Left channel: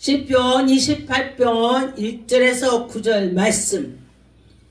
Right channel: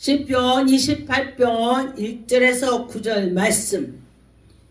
시편 28편 1절에서 9절 말씀.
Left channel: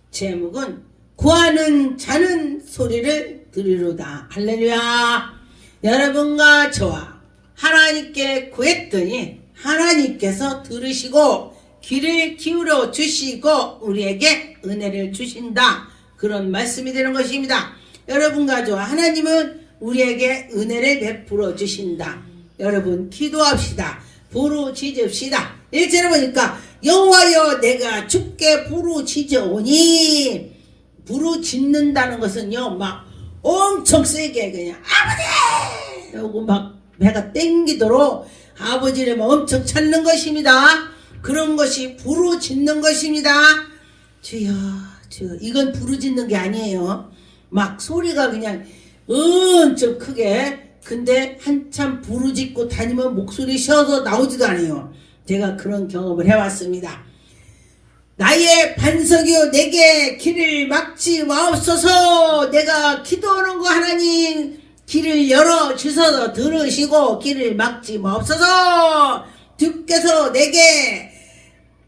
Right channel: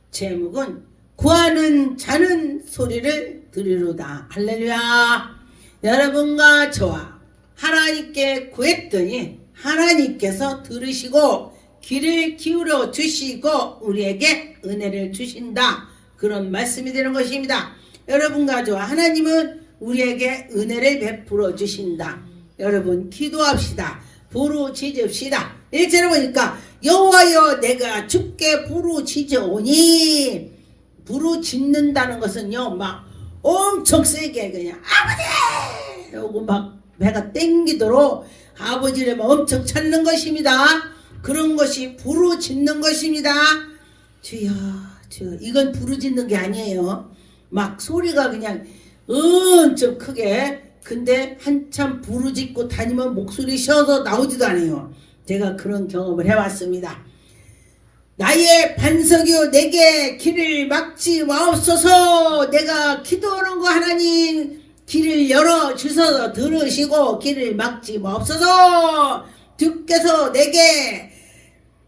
제목은 구하는 자는 소리를 들으로다. 할렐루야. 여러분과 저와 하나님께 구했더니 하나님께서 들으시고 귀를 기울여 주시고 우리에게 은혜를 주신다. 그런 말씀이 되는 것입니다. 여러분과 저와 하나님은 우리에게 은혜를 베풀어 주신다. 여러분 기도합시다 부르짖읍시다. 1절에 보니까 여호와여 내가 주께 부르짖어오니 부르짖는다는 것은요 막 엄청 세게 그냥 아버지 하고 막 배가 땡기도록 아버지를 막 엄청 찾는 것입니다. 그런 것이 부르짖는 것입니다. 주여 주여 이건 부르짖는 게 아니에요. 막 소리가 그냥 엄청 크게 근데 한참 부르짖고 다니면 목소리 쉬어서 나오지도 않아요. 제가 그런 경험을 해왔습니다. 나의 반석이요 내게 길을 막지 마옵소서 내가 기도하는 거 하나님 길을 열어 주셔서 들으시고 길을 막지 마옵소서 주께서 내게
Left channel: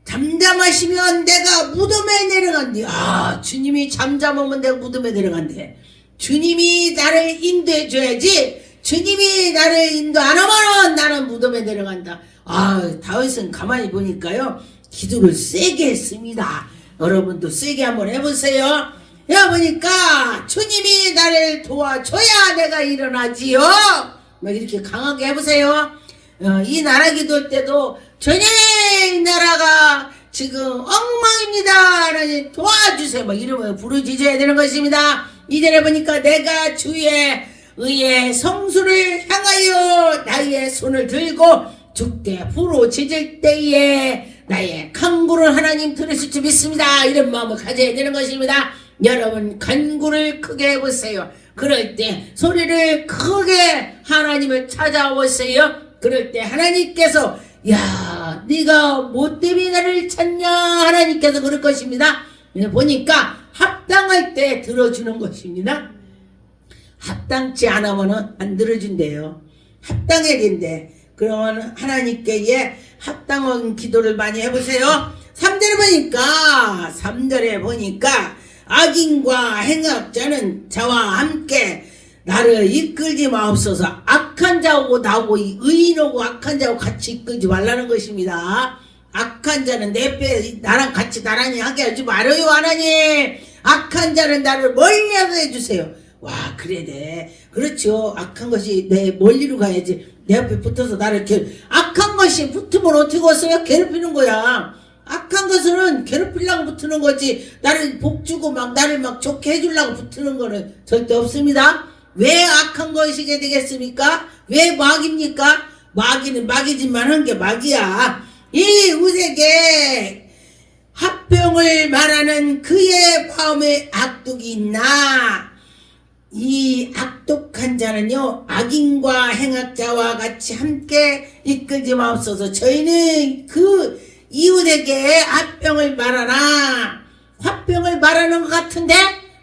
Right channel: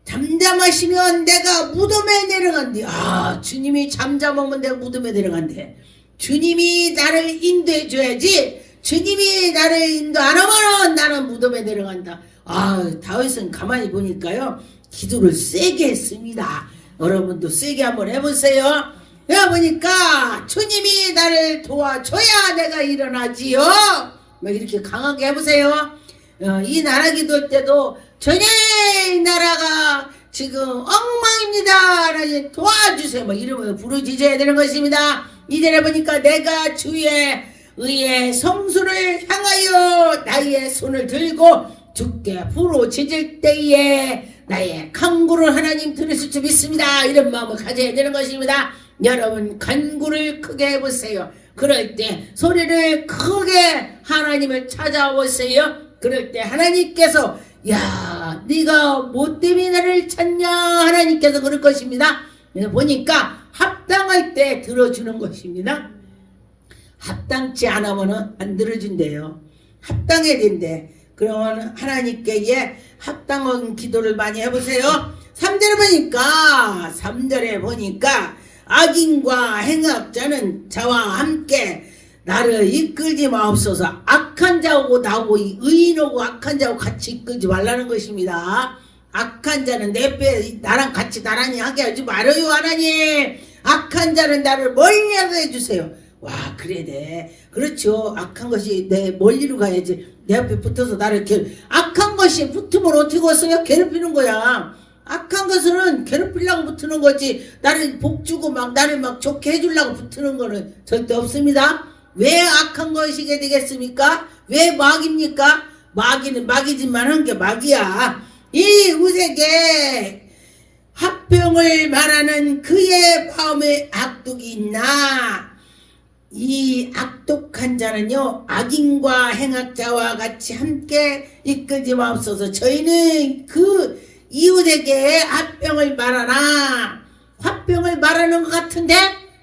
잠잠하시면 내가 무덤에 내려간대 아 주님이 잠잠하면 내가 무덤에 내려간대 주님이 나를 인도해 줘야지 주님이 나를 인도 안 하면 나는 무덤에 내려간다. 아, 다윗은 가만히 보니까요. 기도를 세게 했습니다. 여러분도 세게 한번 해보세요. 해보니까 주님이 나를 도와줘야 내가 일어나지요. 막 이렇게 강하게 해보세요. 어, 이 나라 기도할 때도 주님 나라가 지금 엉망입니다. 도와주세요. 막 이러면 부르짖어야 되는 것입니다. 이전에 보니까 내가 주의 의의 성수를 향하여 나의 손을 들고 주께 부르짖을 때에 나의 간구를 하나님 들으실 줄 믿습니다. 이런 마음을 가져야 되는 것입니다. 여러분 간구를 크게 해보세요. 그럴 때 소리를 크게 하나님을 찾아오세요. 그럴 때 하나님께서 야 네가 뭐 때문에 나를 찾냐 하나님께서 그럴 것입니다. 보니까 합당할 때 들어주는 것입니다. 합당치 않으면 안 들어준대요. 합당해야 된대. 그러면 하나님께 예, 합당한 기도를 많이 해보세요. 3절에 보니까 3절에 보니까 악인과 행악자는 저와 함께 나를 이끌지 마옵소서 악한 자하고 나하고 의인하고 악한 자하고 같이 이끌지 말라는 것입니다. 악한 자는 내배 나랑 같이 나란히 하게 하지 말아요 하나님 악한 자는 나를 멀리 하게 해주세요 와 그래 돼 그렇죠. 악한 것이 내 멀리로 가야지. 내 앞에 붙어서 나를 이렇게 악한 것이 붙으면 어떻게 왔어요 괴롭히는 거야. 악한 것은 괴롭히려고 붙는 거지. 나를 복주고 막 나를 막 좋게 해주려고 붙는 거는 절대 없습니다. 왜 악한 것이게 되겠습니까? 왜 마귀입니까? 마귀는 마귀지만 한 게 마귀야. 이 우세게 합병을 말하는 그의 마음에 악독이 있나 이 악독한 자는요 악인과 행악자와 같이 함께 이끌지 마옵소서. 저희는 그 이웃에게 합병을 말하나 합병을 말하는 것 같은데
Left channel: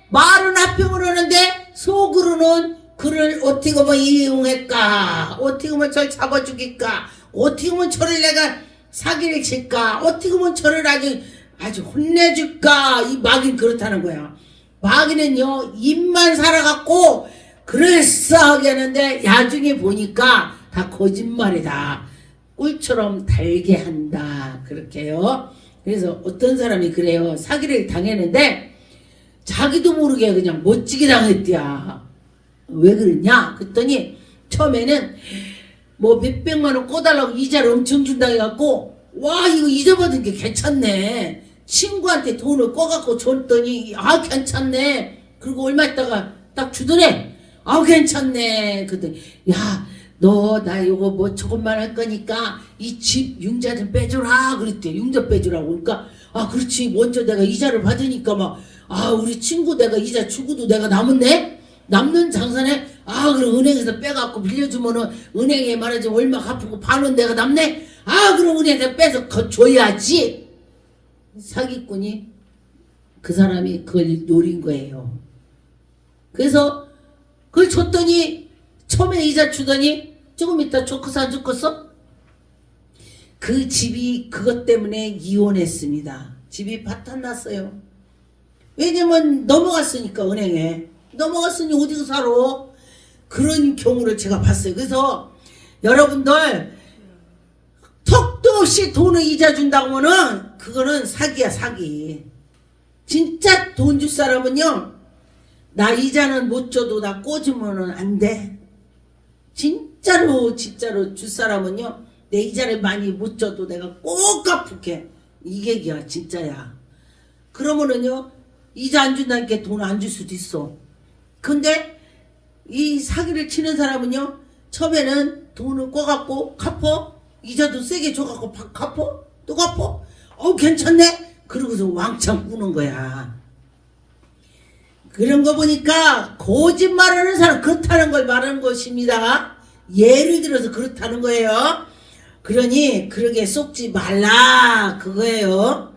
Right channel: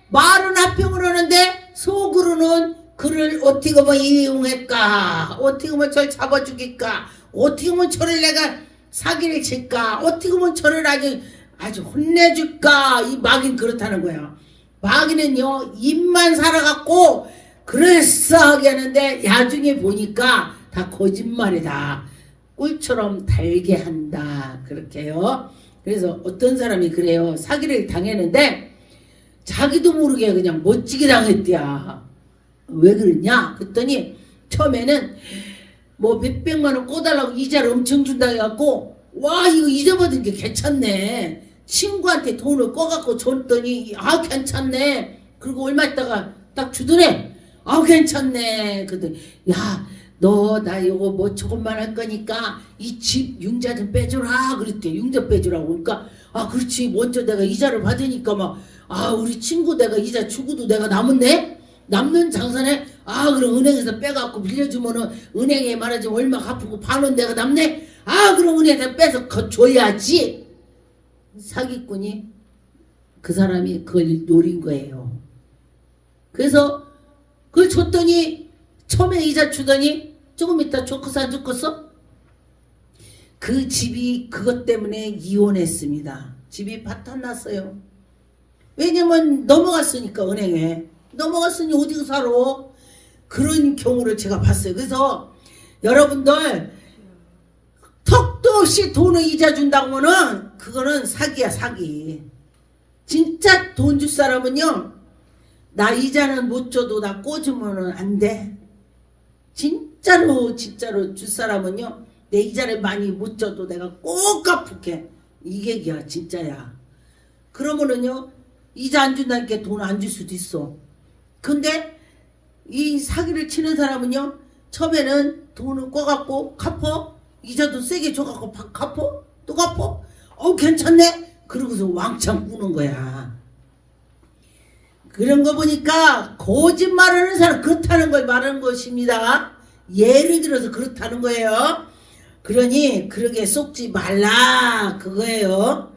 말은 합병을 하는데 속으로는 그를 어떻게 하면 이용할까? 어떻게 하면 저를 잡아주길까? 어떻게 하면 저를 내가 사기를 칠까? 어떻게 하면 저를 아주 아주 혼내줄까? 이 마귀는 그렇다는 거야 마귀는요 입만 살아갖고 그럴싸하게 하는데 나중에 보니까 다 거짓말이다. 꿀처럼 달게 한다. 그렇게요. 그래서 어떤 사람이 그래요? 사기를 당했는데 자기도 모르게 그냥 멋지게 당했대야 왜 그러냐? 그랬더니 처음에는 뭐 몇백만 원 꺼달라고 이자를 엄청 준다 해갖고 와 이거 이자 받은 게 괜찮네 친구한테 돈을 꺼갖고 줬더니 아 괜찮네. 그리고 얼마 있다가 딱 주더래. 아 괜찮네. 그랬더니 야너 나 이거 뭐 조금만 할 거니까 이 집 융자 좀 빼줘라. 그랬대. 융자 빼주라고. 그러니까 아 그렇지. 먼저 내가 이자를 받으니까 막 아 우리 친구 내가 이자 주고도 내가 남았네? 남는 장산에 아 그럼 은행에서 빼갖고 빌려주면은 은행에 말하지 얼마 갚고 반원 내가 남네? 아 그럼 은행에 빼서 거 줘야지 사기꾼이 그 사람이 그걸 노린 거예요 그래서 그걸 줬더니 처음에 이자 주더니 조금 있다 좋고서 안 좋고서 그 집이 그것 때문에 이혼했습니다. 집이 파탄났어요. 왜냐면 넘어갔으니까 은행에 넘어갔으니 어디서 살아? 그런 경우를 제가 봤어요. 그래서 여러분들 턱도 없이 돈을 이자 준다고는 그거는 사기야 사기. 진짜 돈 줄 사람은요 나 이자는 못 줘도 나 꽂으면은 안 돼. 진짜로 진짜로 줄 사람은요 내 이자를 많이 못 줘도 내가 꼭 갚을게. 이게 기야 진짜야. 그러면은요 이자 안 준다니까 돈 안 줄 수도 있어. 근데 이 사기를 치는 사람은요 처음에는 돈을 꿔갖고 갚어 이자도 세게 줘갖고 바- 갚어 또 갚어 어 괜찮네? 그러고서 왕창 꾸는 거야. 그런 거 보니까 거짓말하는 사람 그렇다는 걸 말하는 것입니다. 예를 들어서 그렇다는 거예요. 그러니 그러게 속지 말라. 그거예요.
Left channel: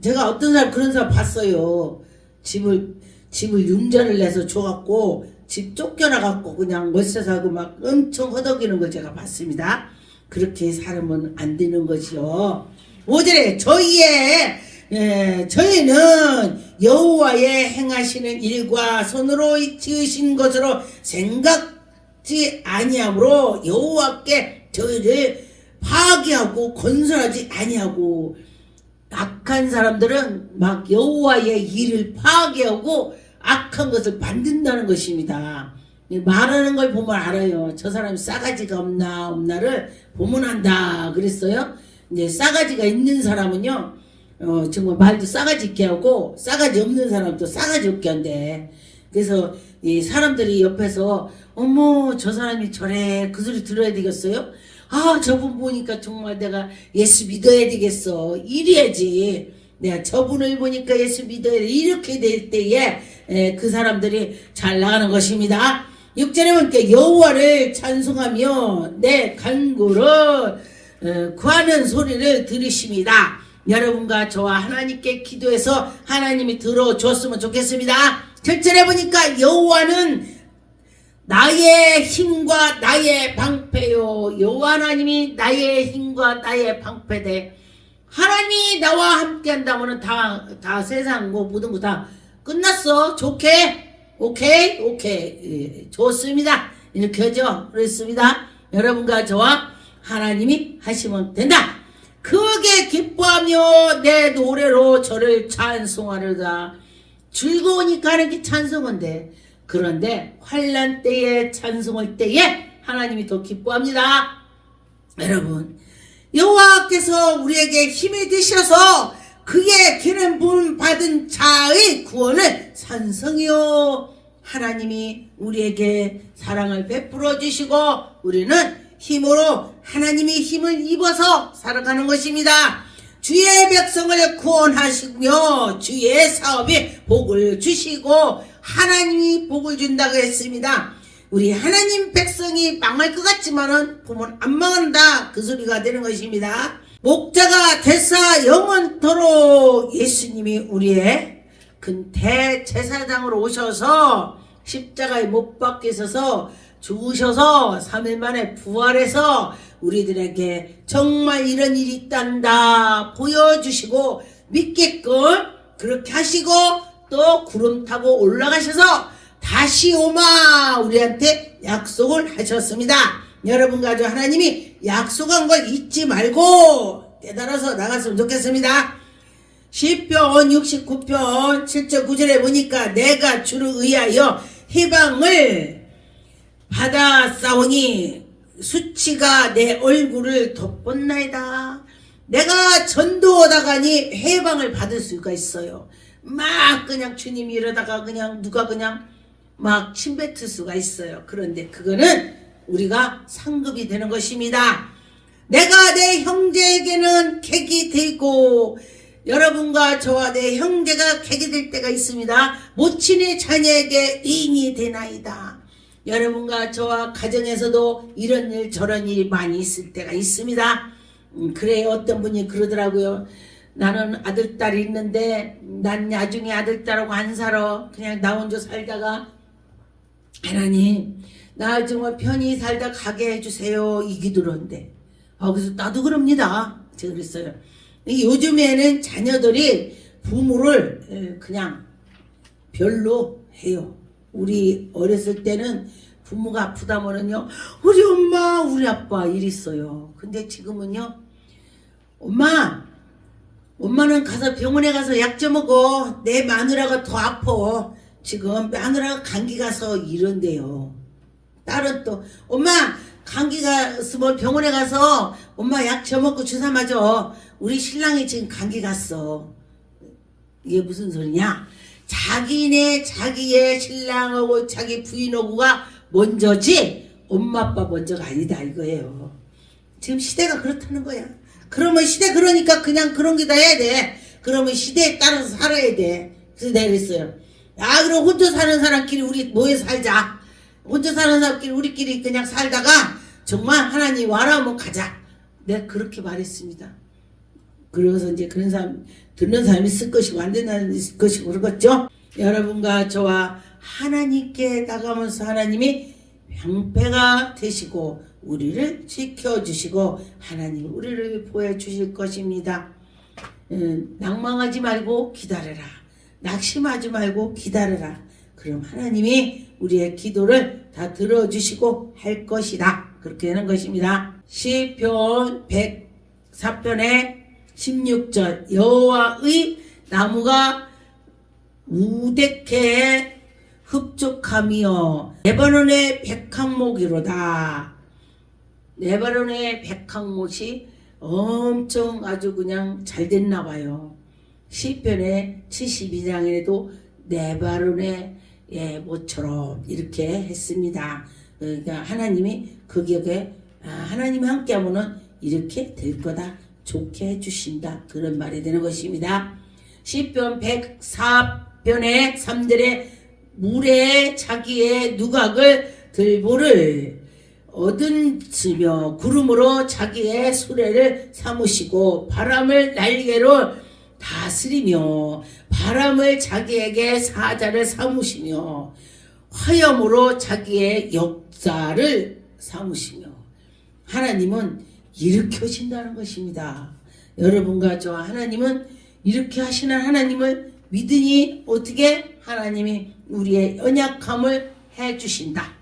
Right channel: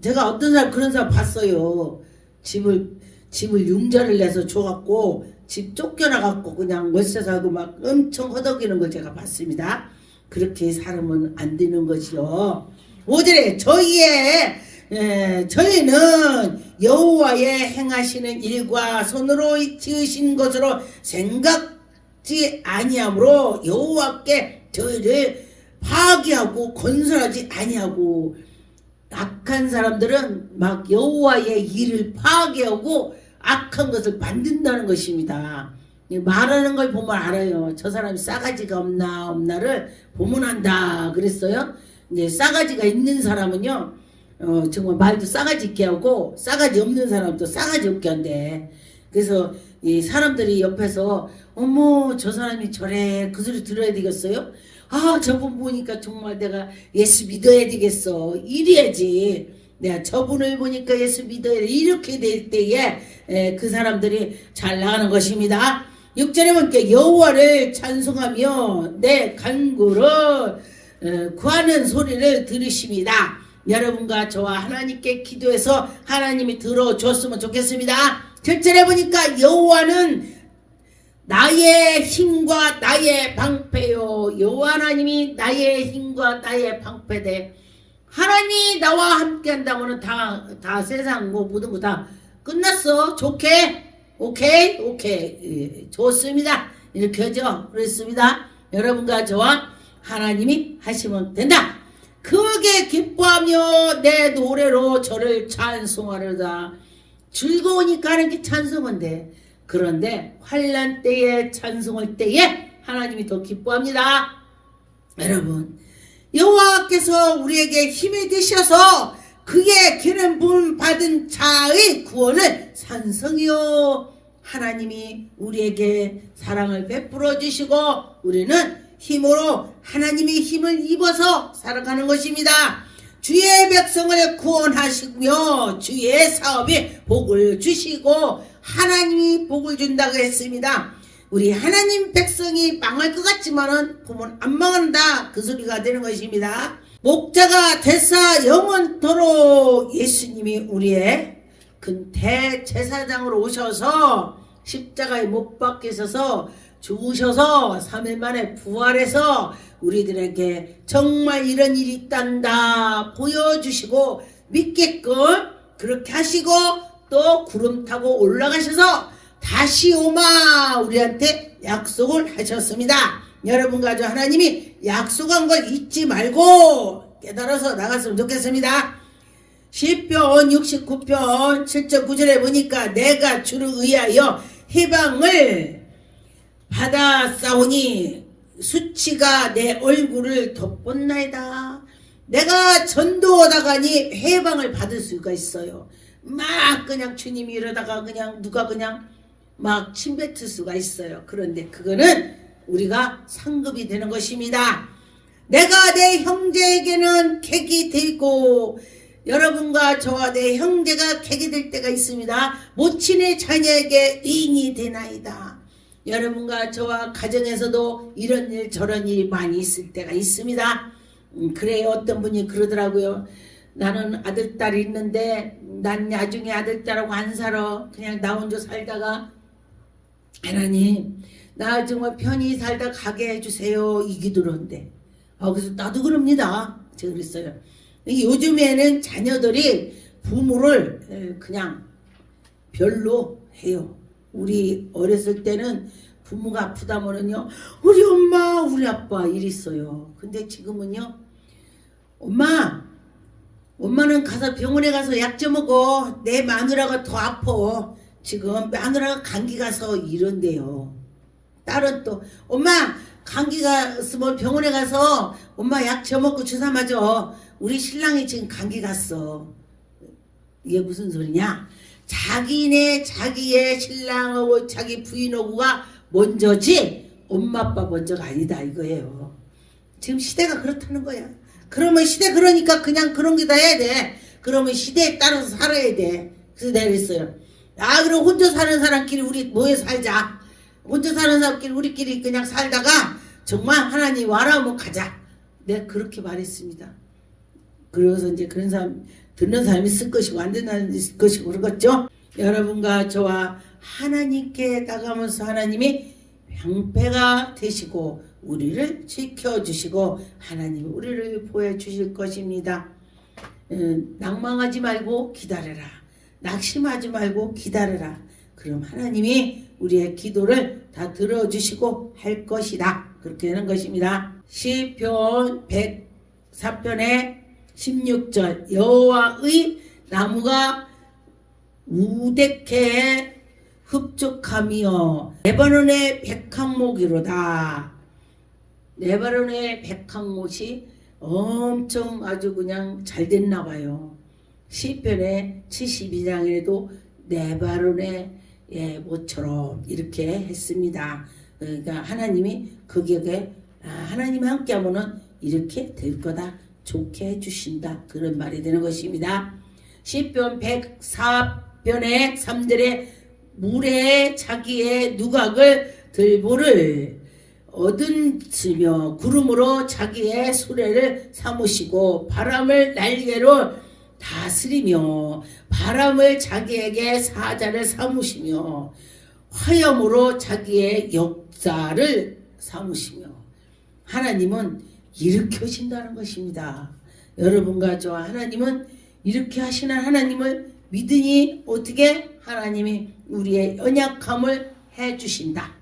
제가 어떤 사람 그런 사람 봤어요. 집을 집을 융자를 내서 줘갖고 집 쫓겨나갖고 그냥 월세 살고 막 엄청 허덕이는 걸 제가 봤습니다. 그렇게 살면 안 되는 것이요. 오절에 저희의 에, 저희는 여호와의 행하시는 일과 손으로 지으신 것으로 생각지 아니하므로 여호와께 저희를 파괴하고 건설하지 아니하고 악한 사람들은 막 여호와의 일을 파괴하고 악한 것을 만든다는 것입니다. 이 말하는 걸 보면 알아요. 저 사람이 싸가지가 없나 없나를 보면 안다 그랬어요. 이제 싸가지가 있는 사람은요. 어, 정말 말도 싸가지 있게 하고 싸가지 없는 사람도 싸가지 없게 한대. 그래서 이 사람들이 옆에서 어머 저 사람이 저래 그 소리 들어야 되겠어요? 아 저분 보니까 정말 내가 예수 믿어야 되겠어 이래야지 내가 저분을 보니까 예수 믿어야 돼 이렇게 될 때에 에, 그 사람들이 잘 나가는 것입니다 6절에 보니까 여호와를 찬송하며 내 간구를 어, 구하는 소리를 들으십니다. 여러분과 저와 하나님께 기도해서 하나님이 들어줬으면 좋겠습니다. 7절에 보니까 여호와는 나의 힘과 나의 방패요. 여호와 하나님이 나의 힘과 나의 방패되 하나님이 나와 함께 한다면 다, 다 세상 뭐 모든 거 다 끝났어. 좋게? 오케이? 오케이. 예, 좋습니다. 이렇게 하죠. 그렇습니다. 여러분과 저와 하나님이 하시면 된다. 크게 기뻐하며 내 노래로 저를 찬송하려다. 즐거우니까 하는 게 찬송인데 그런데 환란 때에 찬송할 때에 하나님이 더 기뻐합니다. 여러분 여호와께서 우리에게 힘이 되셔서 그의 기름 부음 받은 자의 구원을 산성이요. 하나님이 우리에게 사랑을 베풀어 주시고 우리는 힘으로 하나님의 힘을 입어서 살아가는 것입니다. 주의 백성을 구원하시며 주의 사업에 복을 주시고 하나님이 복을 준다고 했습니다. 우리 하나님 백성이 망할 것 같지만은 보면 안 망한다 그 소리가 되는 것입니다. 목자가 되사 영원토록 예수님이 우리의 큰 대제사장으로 오셔서 십자가에 못 박히셔서 죽으셔서 3일 만에 부활해서 우리들에게 정말 이런 일이 있단다 보여주시고 믿게끔 그렇게 하시고 또 구름 타고 올라가셔서 다시 오마 우리한테 약속을 하셨습니다. 여러분과 저 하나님이 약속한 걸 잊지 말고 깨달아서 나갔으면 좋겠습니다. 시편 69편 7절 9절에 보니까 내가 주를 의하여 해방을 받아 싸우니 수치가 내 얼굴을 덮었나이다. 내가 전도하다가니 해방을 받을 수가 있어요. 막 그냥 주님이 이러다가 그냥 누가 그냥 막 침뱉을 수가 있어요. 그런데 그거는 우리가 상급이 되는 것입니다. 내가 내 형제에게는 객이 되고 여러분과 저와 내 형제가 객이 될 때가 있습니다. 모친의 자녀에게 의인이 되나이다. 여러분과 저와 가정에서도 이런 일 저런 일이 많이 있을 때가 있습니다. 음, 그래요. 어떤 분이 그러더라고요. 나는 아들 딸이 있는데 난 나중에 아들 딸하고 안 살아. 그냥 나 혼자 살다가 하나님 나 정말 편히 살다 가게 해주세요. 이 기도로인데 아, 그래서 나도 그럽니다. 제가 그랬어요. 요즘에는 자녀들이 부모를 에, 그냥 별로 해요. 우리 어렸을 때는 부모가 아프다면은요, 우리 엄마, 우리 아빠 이랬어요. 근데 지금은요, 엄마, 엄마는 가서 병원에 가서 약 좀 먹어. 내 마누라가 더 아파. 지금 마누라가 감기 가서 이런대요. 딸은 또 엄마 감기가 있으면 병원에 가서 엄마 약줘 먹고 주사 맞아. 우리 신랑이 지금 감기 갔어. 이게 무슨 소리냐? 자기네 자기의 신랑하고 자기 부인하고가 먼저지 엄마 아빠 먼저가 아니다 이거예요. 지금 시대가 그렇다는 거야. 그러면 시대 그러니까 그냥 그런 게 다 해야 돼. 그러면 시대에 따라서 살아야 돼. 그래서 내가 그랬어요. 아 그럼 혼자 사는 사람끼리 우리 모여 살자. 혼자 사는 사람끼리 우리끼리 그냥 살다가 정말 하나님 와라 한번 가자. 내가 그렇게 말했습니다. 그래서 이제 그런 사람 듣는 사람이 있을 것이고 안 듣는 사람이 있을 것이고 그러겠죠. 여러분과 저와 하나님께 나가면서 하나님이 병폐가 되시고 우리를 지켜주시고 하나님 우리를 보여주실 것입니다. 음, 낭망하지 말고 기다려라. 낙심하지 말고 기다려라. 그럼 하나님이 우리의 기도를 다 들어주시고 할 것이다. 그렇게 하는 것입니다. 시편 104편의 16절 여호와의 나무가 우대케 흡족함이여 레바논의 백항목이로다. 레바논의 백항못이 엄청 아주 그냥 잘 됐나 봐요. 시편의 72장에도 레바논의 예, 모처럼 이렇게 했습니다. 그러니까 하나님이 거기에 아, 하나님이 함께하면은 이렇게 될 거다 좋게 해주신다 그런 말이 되는 것입니다. 시편 104편의 3절에 물에 자기의 누각을 들보를 얻은치며 구름으로 자기의 수레를 삼으시고 바람을 날개로 다스리며 바람을 자기에게 사자를 삼으시며 화염으로 자기의 역사를 삼으시며 하나님은 하신다는 것입니다. 여러분과 저 하나님은 이렇게 하시는 하나님을 믿으니 어떻게 하나님이 우리의 연약함을 해주신다.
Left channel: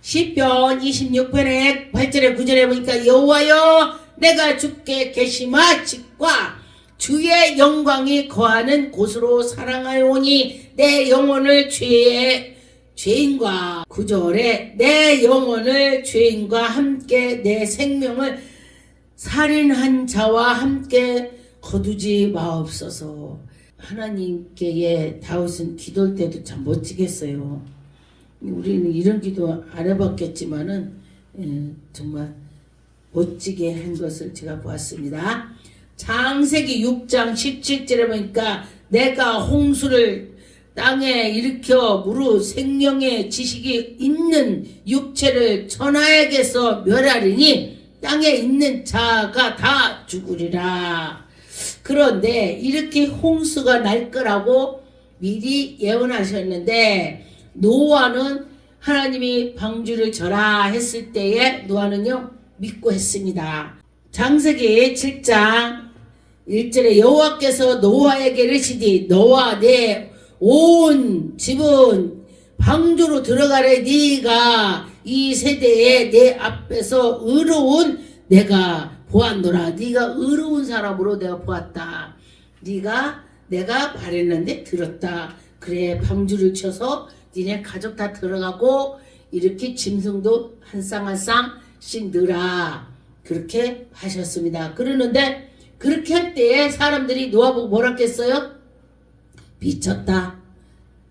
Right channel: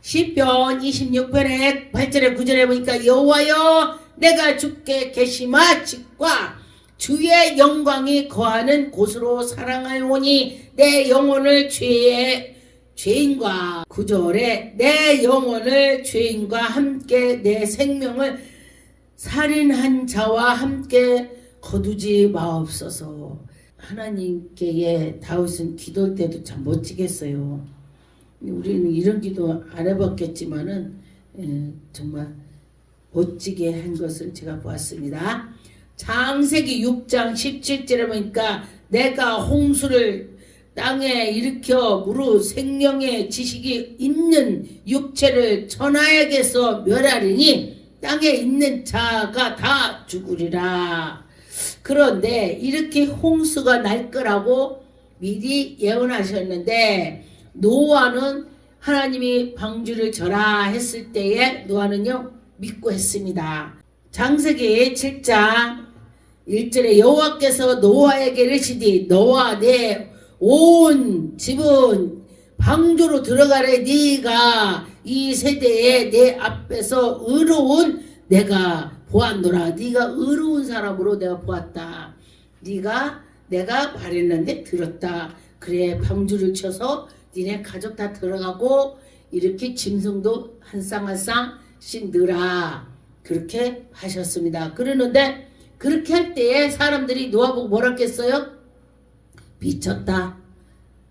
시편 26편의 8절에 9절에 보니까 여호와여 내가 주께 계시마 직과 주의 영광이 거하는 곳으로 사랑하오니 내 영혼을 죄의 죄인과 구절에 내 영혼을 죄인과 함께 내 생명을 살인한 자와 함께 거두지 마옵소서. 하나님께 다윗은 기도할 때도 참 멋지겠어요. 우리는 이런 기도 안 해봤겠지만은 예, 정말 멋지게 한 것을 제가 보았습니다. 창세기 6장 17절에 보니까 내가 홍수를 땅에 일으켜 무릇 생명의 지식이 있는 육체를 천하에게서 멸하리니 땅에 있는 자가 다 죽으리라. 그런데 이렇게 홍수가 날 거라고 미리 예언하셨는데 노아는 하나님이 방주를 절하 했을 때에 노아는요 믿고 했습니다. 장세기 7장 1절에 여호와께서 노아에게 이르시되 너와 내 온 집은 방주로 들어가래 네가 이 세대에 내 앞에서 의로운 내가 보았노라 네가 의로운 사람으로 내가 보았다 네가 내가 말했는데 들었다 그래 방주를 쳐서 니네 가족 다 들어가고 이렇게 짐승도 한 쌍 한 쌍씩 넣으라 그렇게 하셨습니다 그러는데 그렇게 할 때에 사람들이 노아보고 뭐라 했어요? 미쳤다.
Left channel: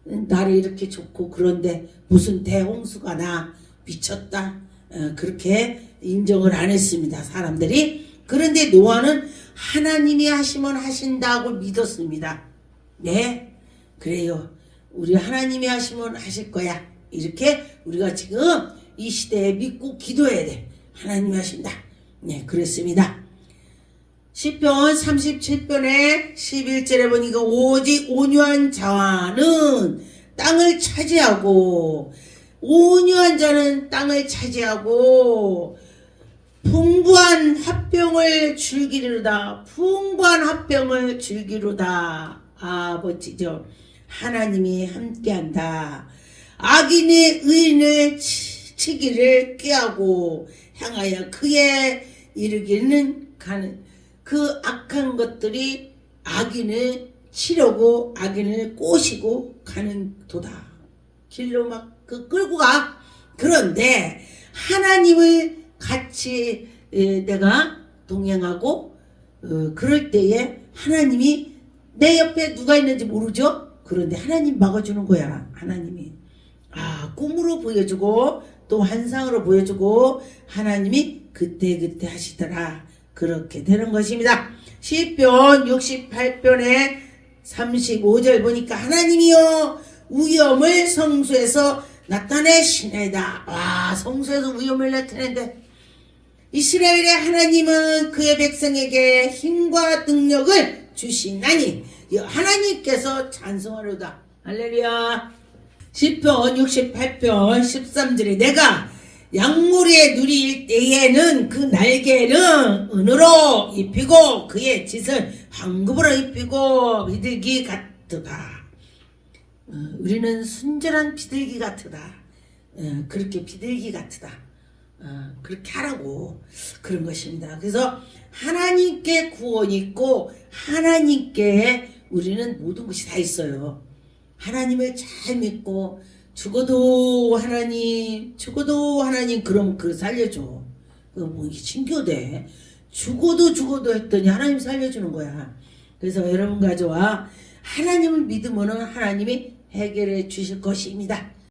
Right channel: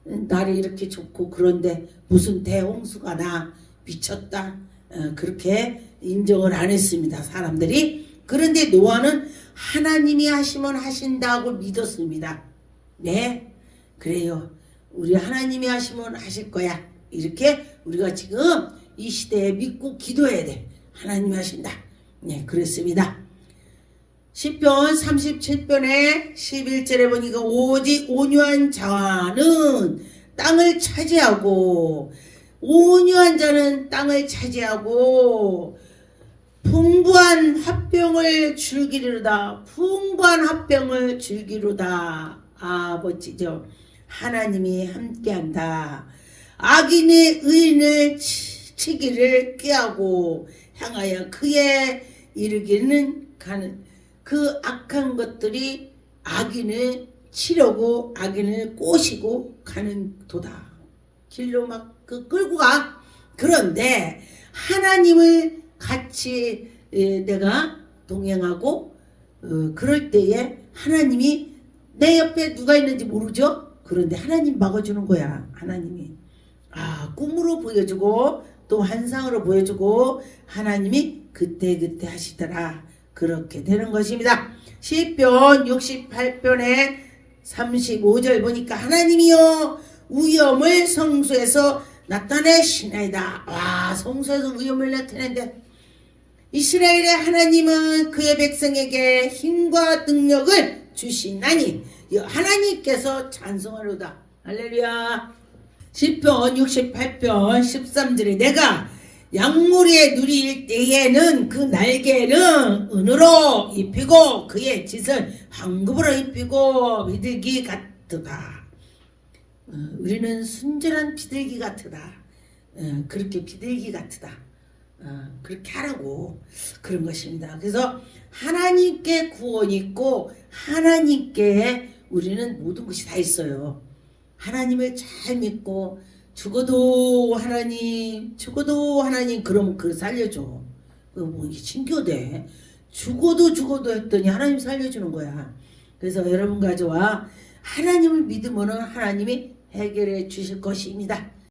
나를 이렇게 좋고 그런데 무슨 대홍수가 나 미쳤다. 어, 그렇게 인정을 안 했습니다. 사람들이. 그런데 노아는 하나님이 하시면 하신다고 믿었습니다. 네, 그래요. 우리 하나님이 하시면 하실 거야. 이렇게 우리가 지금 이 시대에 믿고 기도해야 돼. 하나님이 하신다. 네, 그랬습니다. 시편 37편의 11절에 보니까 오직 온유한 자는 땅을 차지하고 온유한 자는 땅을 차지하고 풍부한 합병을 즐기리로다. 풍부한 합병을 즐기로다. 아, 멋지죠. 하나님이 함께한다. 악인이 의인의 치- 치기를 꾀하고 향하여 그에 이르기는 가는 그 악한 것들이 악인을 치려고 악인을 꼬시고 가는 도다. 길로 막그 끌고 가. 그런데 하나님을 같이 에, 내가 동행하고 어, 그럴 때에 하나님이 내 옆에 누가 있는지 모르죠? 그런데 하나님 막아주는 거야. 하나님이. 아, 꿈으로 보여주고 또 환상으로 보여주고 하나님이 그때 그때 하시더라. 그렇게 되는 것입니다. 시편 68편에 35절 보니까 하나님이여 위엄을 성소에서 나타내시나이다. 와 성소에서 위엄을 나타낸데 이스라엘의 하나님은 그의 백성에게 힘과 능력을 주시나니 이 하나님께서 찬송하로다. 할렐루야. 시편 68편 13절에 내가 양무리에 누릴 때에는 그 날개는 은으로 입히고 그의 짓을 황금으로 입히고 비둘기 같도다. 어, 우리는 순전한 비둘기 같으다. 어, 그렇게 비둘기 같으다. 어, 그렇게 하라고 그런 것입니다. 그래서 하나님께 구원이 있고 하나님께 우리는 모든 것이 다 있어요. 하나님을 잘 믿고 죽어도 하나님, 죽어도 하나님 그럼 그 살려줘. 그뭐 신교돼. 죽어도 죽어도 했더니 하나님 살려주는 거야. 그래서 여러분 가져와 하나님을 믿으면 하나님이 해결해 주실 것입니다.